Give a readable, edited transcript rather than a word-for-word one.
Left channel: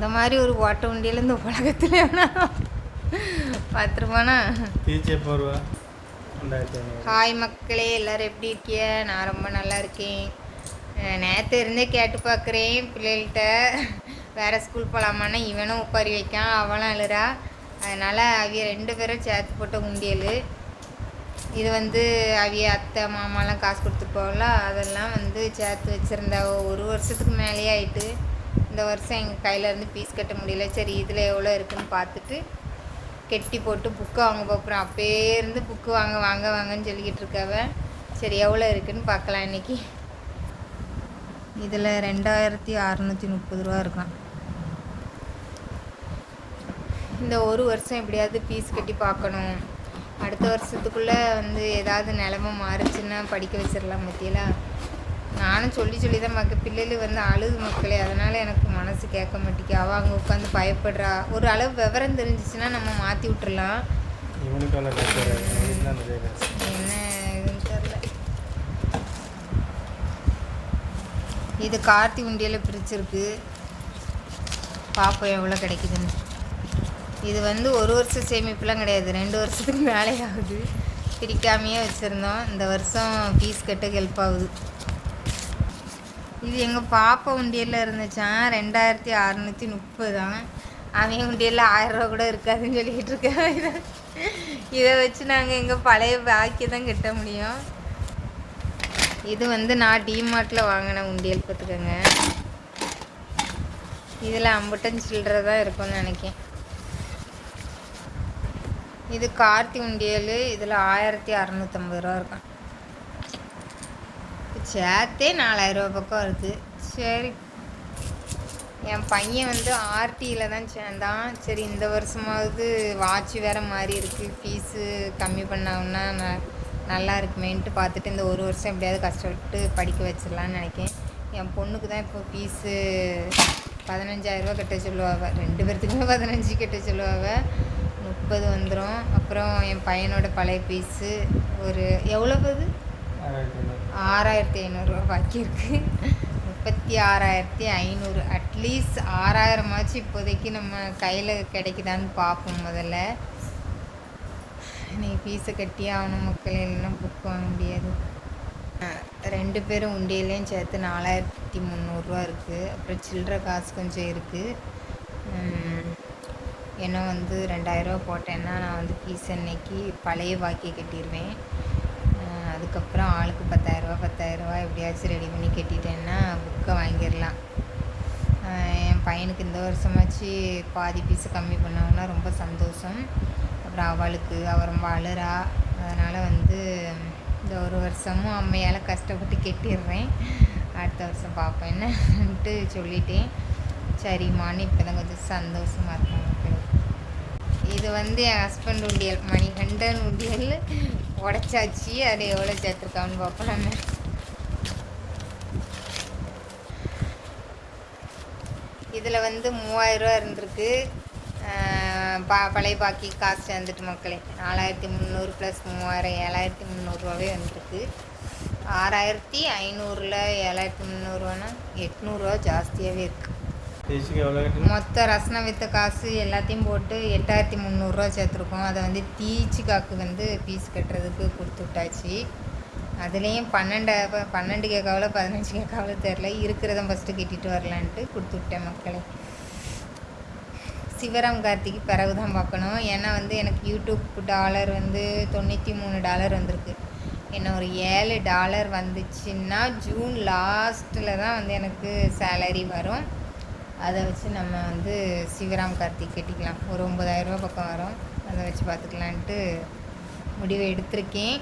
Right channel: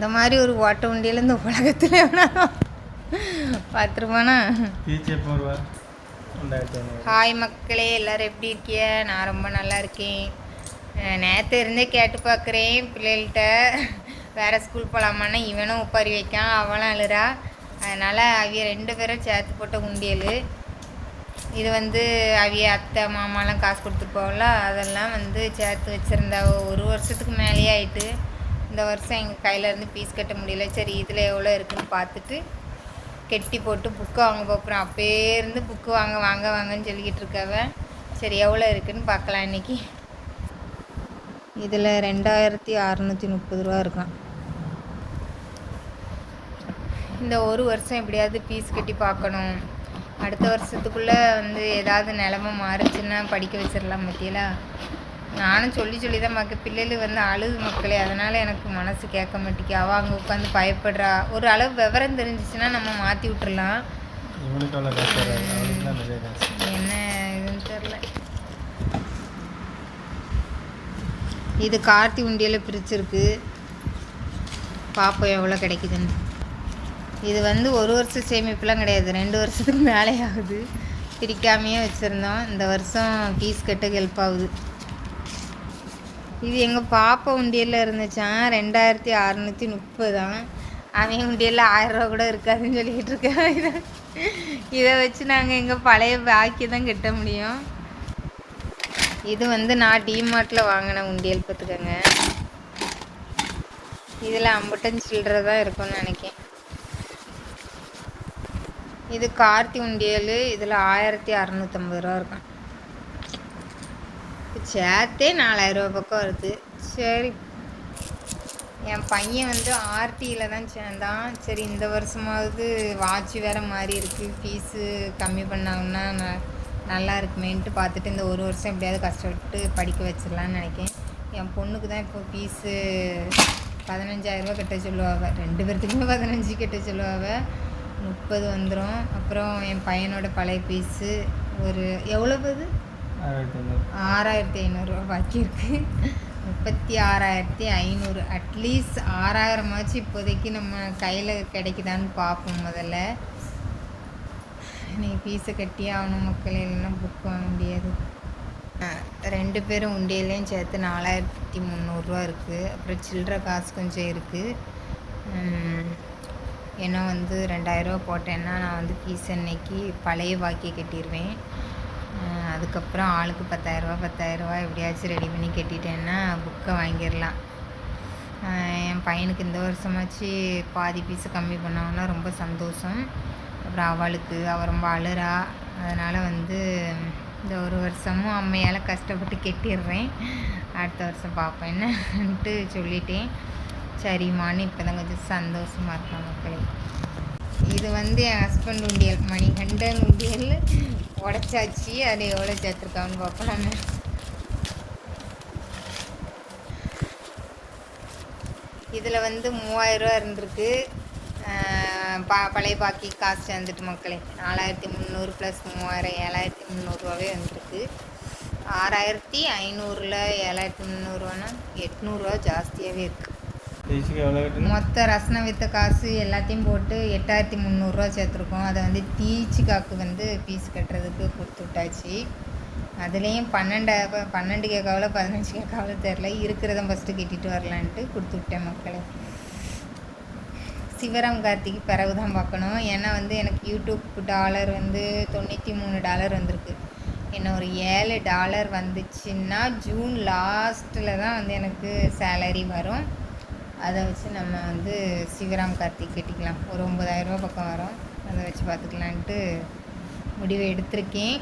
இந்த மாதிரி ஒரு ஓட்ட உண்டியில் இந்த உலகத்தில் வேணாலும் பார்த்துருப்பானா. ஹாய் மக்களே, எல்லோரும் எப்படி இருக்கிய? நான் ரொம்ப நல்லா இருக்கேன். நேற்று இருந்தே கேட்டு பார்க்குறேன் பிள்ளைகள்கிட்ட, வேறு ஸ்கூல் போகலாமான்னா இவனும் ஒப்பாரி வைக்கான், அவனும் அழுறா. அதனால் அவிய 2 பேரும் சேர்த்து போட்ட உண்டியல் இது. அவிய அத்தை மாமாலாம் காசு கொடுத்துட்டு போகல, அதெல்லாம் சேர்த்து வச்சுருந்தா 1 வருஷத்துக்கு மேலேயே ஆயிட்டு. இந்த வருஷம் எங்கள் கையிலேருந்து ஃபீஸ் கட்ட முடியல. சரி இதில் எவ்வளோ இருக்குதுன்னு பார்த்துட்டு கெட்டி போட்டு புக்கு வாங்க போகிறேன். அப்போயே இருந்து புக்கு வாங்கன்னு சொல்லிக்கிட்டு இருக்காவ. சரி எவ்வளோ இருக்குதுன்னு பார்க்கலாம் இன்றைக்கி. இதில் 2630 ரூபா இருக்கான். இந்த 1 வருஷம் எப்படியாவது ஃபீஸ் கட்டி பார்க்கணும். அடுத்த வருஷத்துக்குள்ளே ஏதாவது நிலமை மாறுச்சுன்னா படிக்க வச்சிடலாம். பற்றியலா நானும் சொல்லி தான் பிள்ளைகள் அழுது மக்களே. அதனால் எனக்கு மனசு கேட்க மாட்டேங்கி. அவள் அங்கே உட்காந்து பயப்படுறா. ஒரு அளவு விவரம் தெரிஞ்சிச்சுன்னா நம்ம மாற்றி விட்டுறலாம். என்ன இதுன்னு தெரில. இது கார்த்தி உண்டியில் பிரிச்சிருக்கு. பார்ப்போம் எவ்வளோ கிடைக்குதுன்னு. இது 1 வருஷம் சேமிப்புலாம் கிடையாது, 2 வருஷத்துக்கு மேலே ஆகுது. பிரிக்காமையே வச்சுருந்தோம். இந்த வருஷம் ஃபீஸ் கட்ட ஹெல்ப் ஆகுது. இது எங்கள் பாப்பா உண்டியலில் இருந்துச்சான் 2630 தான். அவன் உண்டியலில் 1000 ரூபா கூட இருக்காதுன்னு சொல்லிக்கிட்டு இருக்கேன். இதை வச்சு நாங்கள் எங்கள் பழைய பாக்கி தான் கட்ட முடியும். இது நான் டிமார்ட்டில் வாங்கின உண்டியல் பார்த்துக்கோங்க. இதில் 50 சில்லறை தான் இருக்கும்னு நினைக்கேன். இது கார்த்தி உண்டியல். இதில் 1650 ரூபா இருக்கும். சேர்த்தே 4000 ரூபா பக்கம் வருது. சரி, என் பையன் ஆர்டியில் தான் சேர்ந்தான். சரி இந்த வருஷமாவது வாட்ச் வேறு மாதிரி இருக்குது, ஃபீஸு கம்மி பண்ணாங்கன்னா நல்லா இருக்குமேன்ட்டு பார்த்துட்டு இந்த 1 வருஷம் எப்படியாவது கஷ்டப்பட்டு படிக்க வச்சிடலான்னு நினைக்கிறேன். என் பொண்ணுக்கு தான் இப்போ ஃபீஸு 15000 ரூபா கட்ட சொல்லுவாங்க. 2 பேர்த்துக்குமே 15 கட்ட சொல்லுவாங்க. 30 வந்துடும். அப்புறம் என் பையனோட பழைய ஃபீஸு ஒரு எவ்வளவு 6500 ரூபா பாக்கி இருக்குது. 36,500. அட்லீஸ்ட் 6000 இப்போதைக்கு நம்ம கையில் கிடைக்குதான்னு பார்ப்போம். முதல்ல நீ ஃபீஸை கட்டியே ஆகணும் மக்களே, இல்லைன்னா புக் வாங்க முடியாது. 2 பேரும் உண்டியிலையும் சேர்த்து 4300 ரூபா இருக்குது. அப்புறம் சில்லற காசு கொஞ்சம் இருக்குது. ஏன்னா 2000 ரூபா போட்டேன்னா நான் ஃபீஸ் அன்னைக்கு பழைய பாக்கியை கட்டிடுவேன். அதுக்கப்புறம் ஆளுக்கு 10000 ரூபா எப்படியாச்சும் ரெடி பண்ணி கட்டிட்டேன்னா புக்கை வாங்கிடலாம். என் பையனுக்கு இந்த வருஷமாச்சு பாதி ஃபீஸு கம்மி பண்ணோன்னா ரொம்ப சந்தோஷம். அப்புறம் அவள் ரொம்ப அழுறா. அதனால் இந்த 1 வருஷமும் அம்மையால் கஷ்டப்பட்டு கட்டிடுறேன். அடுத்த வருஷம் பார்ப்பேன் என்னன்ட்டு சொல்லிட்டேன். சரிம்மான்னு இப்போ தான் கொஞ்சம் சந்தோஷமாக இருக்கேன் மக்களே. இது என் ஹஸ்பண்ட் உண்டியல், மணிகண்டன் உண்டியல் உடச்சாச்சு. அது எவ்வளோ சேர்த்துருக்கான்னு பார்ப்போம். நான் இதில் 3000 ரூபா இருந்திருக்கு. பழைய பாக்கி காசு சேர்ந்துட்டு மக்களே 4300 + 3000 7300 ரூபாவே வந்திருக்கு. 6500ல் 7300 ரூபானா 800 ரூபா ஜாஸ்தியாகவே இருக்குது. மொத்த ரசனை வித்த காசு எல்லாத்தையும் போட்டு 8300 ரூபா சேர்த்துருக்கோம். அதை தீச்சிக்காக்கு ஃபீஸ் கட்டுறதுக்கு கொடுத்து விட்டாச்சு. அதுலேயும் 12 கேட்காவில் 15 கேட்காவில் தெரில, இருக்கிறத ஃபஸ்ட்டு கட்டிட்டு வரலான்ட்டு கொடுத்து விட்டேன் மக்களே. சிவராம் கார்த்திக்கு பிறகு தான் பார்க்கணும். ஏன்னா எனக்கு யூடியூப் டாலர் $93 வந்திருக்கு. என்ன ஒரு $7 வந்துச்சுன்னா ஜூன் லாஸ்ட்டில் தான் எனக்கு சேலரி வரும். அதை வச்சு நம்ம சிவராம் கார்த்திக் கட்டிக்கலாம். ஒரு 9000 ரூபா பக்கம் வரும். அதை வச்சு பார்த்துக்கலான்ட்டு முடிவை எடுத்திருக்கேன்.